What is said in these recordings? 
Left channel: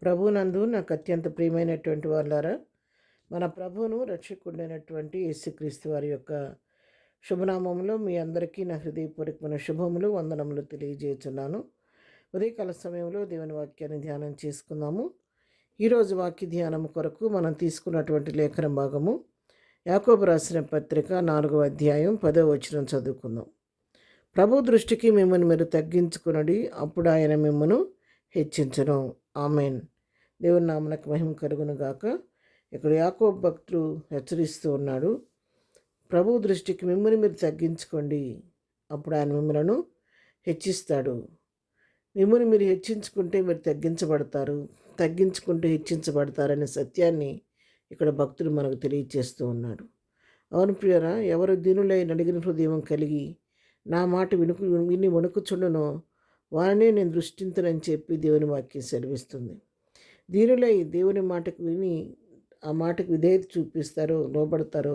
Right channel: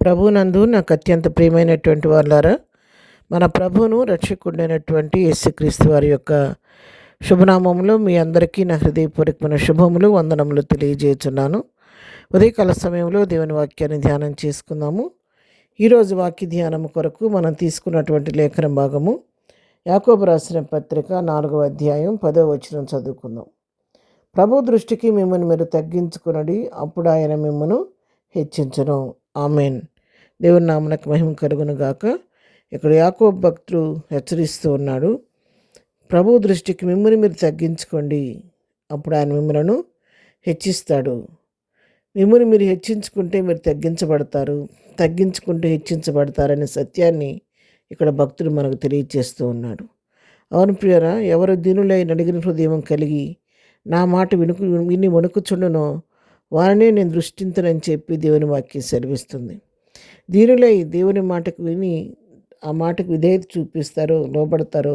ప్రభునందు నాకు అత్యంత ప్రియమైనటువంటి వాళ్ళారా, మన ప్రభువును రక్షకుడైనటువంటి యేసుక్రీస్తు వారి యొక్క శుభనామంలో మీ అందరికీ నా హృదయపూర్వకమైన శుభములు వందనములు తెలియజేస్తున్నాను. ఉదయకాల సమయంలో దేవుని వాక్యాన్ని ధ్యానం చేసుకుందాము. ఈరోజు వాక్య ధ్యానం కొరకు మనం తీసుకున్నటువంటి లేఖన భాగము యాకోబు రాసిన పత్రిక 4వ అధ్యాయం 10వ వచనం చదువుకుందాం. ప్రభు దృష్టికి మిమ్మల్ని మీరు తగ్గించుకునడి, అప్పుడు ఆయన మిమ్మను హెచ్చించను. ఆమెన్. దేవుని నామనకు మహిమ కలుగును గాక. ఇక్కడ యాకోబు భక్తుడు హెచ్చరిస్తూ ఉన్నాడు, ప్రభు దృష్టికి మిమ్మల్ని మీరు తగ్గించుకోండి, అప్పుడు ఆయన మిమ్మలను హెచ్చిస్తాడు. మిమ్మల్ని మీరు హెచ్చించుకుంటే మీరు తగ్గించబడతారు, తగ్గించుకుంటే హెచ్చించబడతారనే సత్యాన్ని ఇక్కడ భక్తుడు మనకు తెలియజేస్తూ ఉన్నాడు. అవును ప్రియరా, ఎవరు దీనులై నడిగిన హృదయం కలిగి నా మాట విని వణుకుచుండునో వారినే నేను దృష్టించనని చెప్పి దేవుని వాక్యం సెలవిస్తుంది. దీనులై దేవుని మాటకు విని ఆ మాటకు విధేయత చూపిస్తారో, లోబడతారో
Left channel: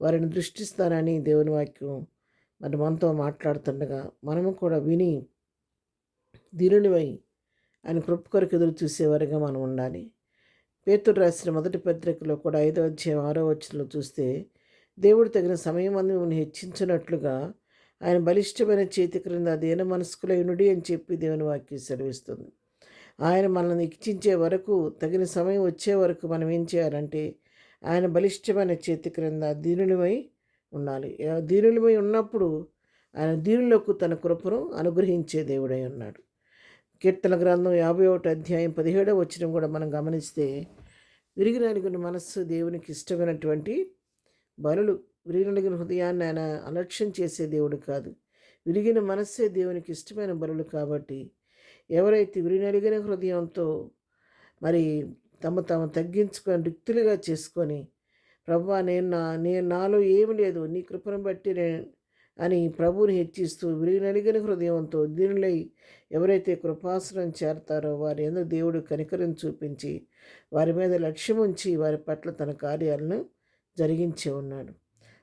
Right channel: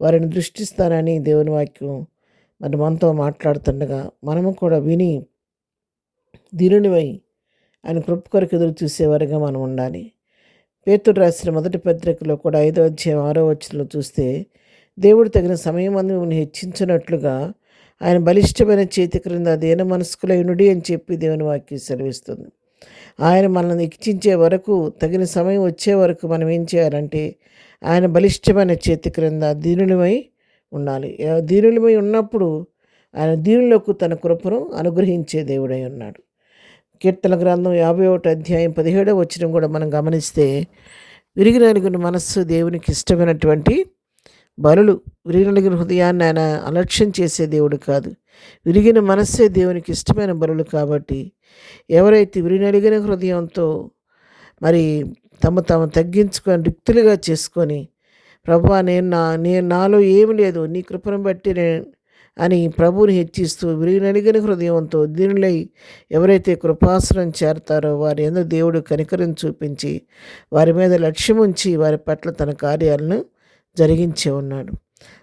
వారిని దృష్టిస్తారని దేవుని వాక్యం మరి మనతో మాట్లాడుతుండగా మనము కూడా విని దీనునివై ఆయన కృప కొరకు ఎదురు చూసేవారిగా మనం ఉండాలి. పేతురు రాసిన మొదటి పత్రికలో కూడా 5వ అధ్యాయం 6వ వచనంలో చూస్తే, దేవుడు తగిన సమయం అందు మిమ్మల్ని హెచ్చించినట్లుగా ఆయన బలిష్టమైన చేతి క్రింద దీన మనస్కులైనడి అని చెప్పి దేవుని వాక్యం సెలవిస్తుంది. ఆయన మనల్ని హెచ్చించే వరకు, తగిన సమయం వచ్చే వరకు మనం ఏం చేయాలంటే ఆయన బలిష్టమైన చేతి క్రింద దీనులమై ఉండాలి. దీనులమై ఉన్నప్పుడు ఆయన దీనులకు తన కృపను అనుగ్రహించే దేవుడై ఉన్నాడు. కీర్తన గ్రంథం 51వ అధ్యాయం 17వ వచనం కూడా మనం గమనిస్తే, విరిగి నలిగిన మనస్సు దేవునికి ఇష్టమైనటువంటి బలులు. విరిగి నలిగిన హృదయాన్ని ఆయన అలక్ష్యం చేసే దేవుడు కాదు, విరిగిన మనస్సే దేవునికి ఇష్టమైన బలులు. కాబట్టి ఎవరైతే విరిగినలిగిన హృదయంతో మరి తమ తగ్గించుకొని రిక్తులుగా చేసుకొని, ప్రభువా నేను నాలో ఏమి లేదు, నీ కృపను బట్టి అని ప్రభువుని హెచ్చిస్తూ విరిగినలిగిన హృదయంతో దీనులై ఎవరైతే కృపాసనం చేరతారో వారి యందు దేవుడు కనికరం చూపించి వారి మీద లక్ష్యం ఉంచి వారి పట్ల తన కార్యాలను జరిగించే ఉన్నాడు.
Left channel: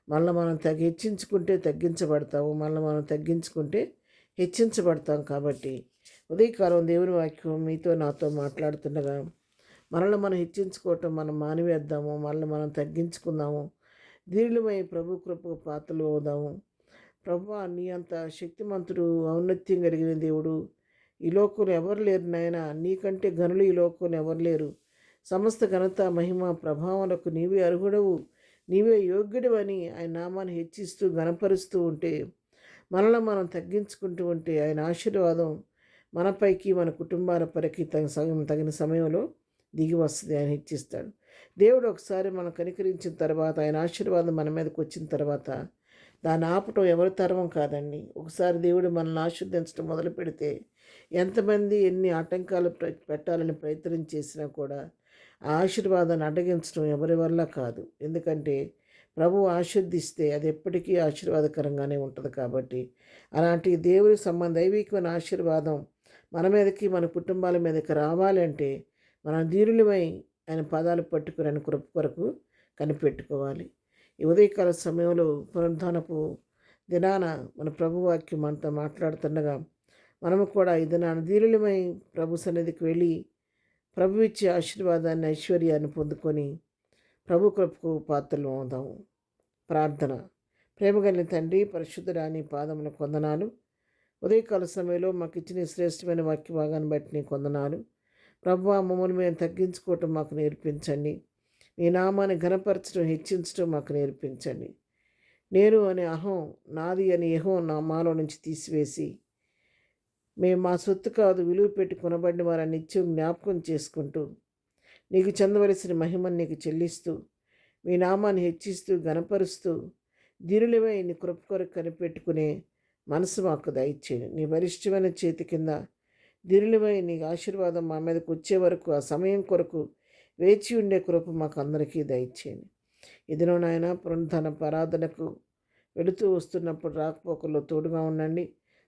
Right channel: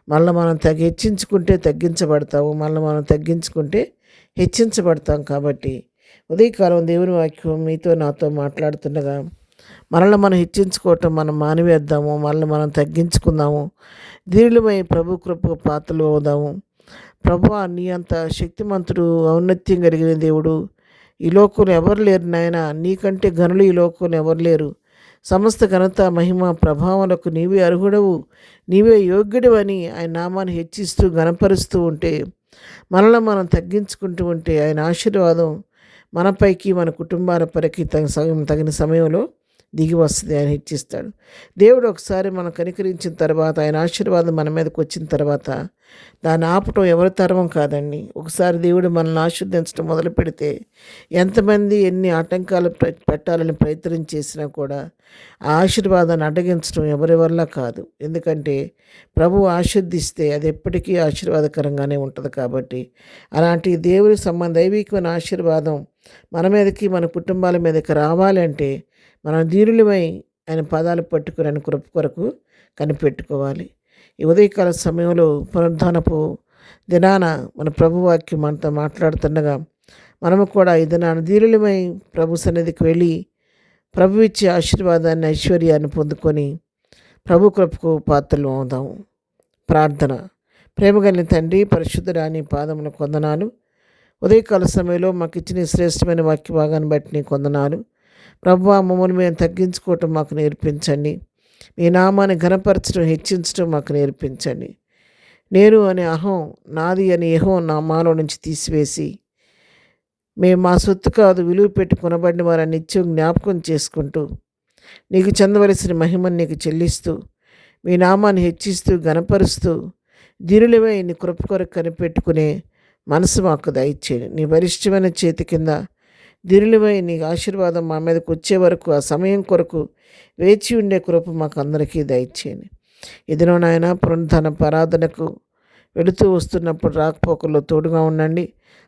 మళ్ళీ మనం హెచ్చించుకుంటే తగ్గించబడతాము, మళ్ళీ మనం తగ్గించుకుంటే హెచ్చించబడతాం. కాబట్టి ఉదయకాలం దేవుని వాక్యం మీతో నాతో మాట్లాడుతుండగా మనల్ని మనం హెచ్చించుకోవటం మనం మానివేద్దాము, మనల్ని మనం తగ్గించుకుందాము, దీనులమై ప్రభు కృపకు పాత్రలు అవుదాము. ప్రభువా, నీ అంత శక్తిమంతుడు, ఔన్నత్యం కలిగిన దేవుడు ఈ లోకంలో ఎవరు లేరు నాయన, నీకంటే ఘనులు ఈ లోకంలో ఎవరు లేరు. సమస్త ఘనత మహిమ ప్రభావాలకు నీవే అర్హుడవు, నీవే యోగ్యుడు అని ఆయన నామాన్ని హెచ్చిస్తూ గణపరుస్తూ ఉంటే, మనల్ని మనం తగ్గించుకుంటూ ఉంటే ఆయన ఆశీర్వాదం మనపైకి మన కుటుంబాల పరికి తగిన సమయంలో దిగి వస్తుంది. ఆయన హెచ్చిస్తాడు. దేవుడు ఒకసారి మనం కనికరించిన తర్వాత, ఆయన ఆశీర్వాదం మన మీదకి వచ్చిన తర్వాత దాన్ని ఆపటం ఎవరి తరం కాదండి. ఒకసారి దేవుడు మనల్ని ఆశీర్వదించడం మొదలు పెడితే ఎంతమంది ఎన్ని ఆటంకాలు పెట్టాలని ప్రయత్నం చేసినా కూడా ఆ ఆశీర్వాదాన్ని అడ్డగించడం ఎవరి వల్ల కాదు. ఎందుకంటే ప్రభువు ఆశీర్దిస్తే అది ఎప్పటికీ ఆశీర్వాదకరంగానే ఉంటుంది. కాబట్టి అలాంటి దేవుని దైవికమైన ఆశీర్వాదం మన మీదకి, మన కుటుంబాల మీదకి రావాలంటే మనం దీనులమై ఆయన పాదాలు పట్టుకుని ఆయన కృప కొరకు కనిపెట్టుకోవాలి. ఈ ఉదయకాల సమయంలో పునరుద్ధానపు దినాన మన ప్రభువాక్యం మనతో మాట్లాడుతుండగా మనము కూడా ఈ దినాన దీనులమై ప్రభు సన్నిధికి వెళ్ళి ప్రభు ఇచ్చే ఆశీర్వాదాన్ని, ఐశ్వర్యాన్ని పొందుకొని ప్రభు కృపకు పాత్రలు అవుదాము. ప్రార్థన. ప్రేమగలిగిన తండ్రి, పరిశుద్ధురాని పాదముల కొందనాలు. ఉదయకాల సమయంలో మాకు ఇచ్చిన శ్రేష్టమైన వాక్య భాగాన్ని బట్టి నీ కొందనాలు. ప్రభువా, మమ్మల్ని మేము తగ్గించుకోవటం మాకు నేర్పించండి. మీ నామాన్ని ఘనపరచడం, హెచ్చించడం మాకు నేర్పించండి. నేను అనే అహం, నాది అనే యెహోవా నామాలో నుంచి తీసివేసి, మేము మా సొత్తు కాదు, విలువ పెట్టి కొనబడిన వారిని నిత్యం జ్ఞాపకం చేసుకుంటూ నీకు చెందవలసిన మహిమను నీకు చెల్లిస్తూ మీ నామాన్ని హెచ్చిస్తూ ఘనపరుస్తూ దీనులమై నీ కృప కొరకు కనిపెట్టుకునే మనసు మాకు దయచేయండి. నీ బలిష్టమైన చేతి కింద దీనులమై నీ ఆశీర్వాదం మా మీదకి వచ్చే వరకు, ఆ సమయం కొరకు వేచి ఉండే కృప మాకు అందరికీ దయచేయండి. ఇదిలో నాయన పునరుద్ధాన ఆరాధనకు వెళుతూ వస్తున్నప్పుడు రాకపోకల్లో తోడుగా ఉండండి.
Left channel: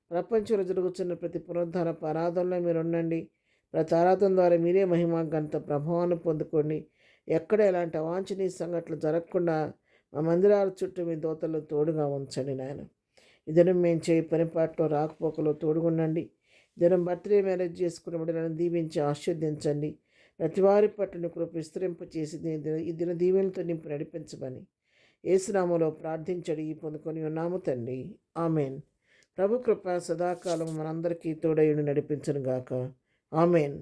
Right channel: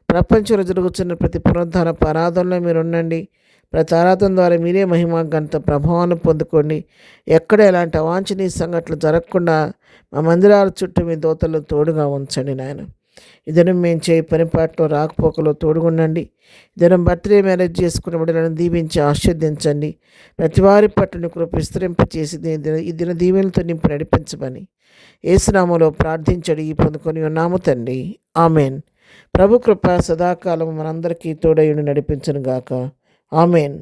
ప్రపంచంలో జరుగుతున్న ప్రతి పునరుద్ధాన ఆరాధనలో మీరు ఉండండి. ప్రతి ఆరాధన ద్వారా మీరే మహిమ, ఘనత, ప్రభావాన్ని పొందుకోండి. ఎక్కడ ఎలాంటి అవాంఛనీయ సంఘటనలు జరగకుండా మా మందిరాల చుట్టూ మీ దూతలను తోడుగా ఉంచండి నాయన. ఈ దినం మేము చేయి పనిపాట్లో రాకపోకలో తోడుగుండండి. ఈ దినం బర్త్డే మ్యారేజ్ చేసుకున్న బిడ్డలను దీవించి ఆశీర్వదించండి. ప్రతి వారి పట్ల నీ కృప విస్తరింపచేసి ఈ దిన దీవెనలతో నింపి నడిపించమని యేసునామములో ప్రార్థించడి పొందుకొని ఉన్నాము తండ్రి. ఆమెన్. ప్రభు కృప సదాకాలం మనందరికీ తోడయుండి నడిపించును గాక. ఆమెన్.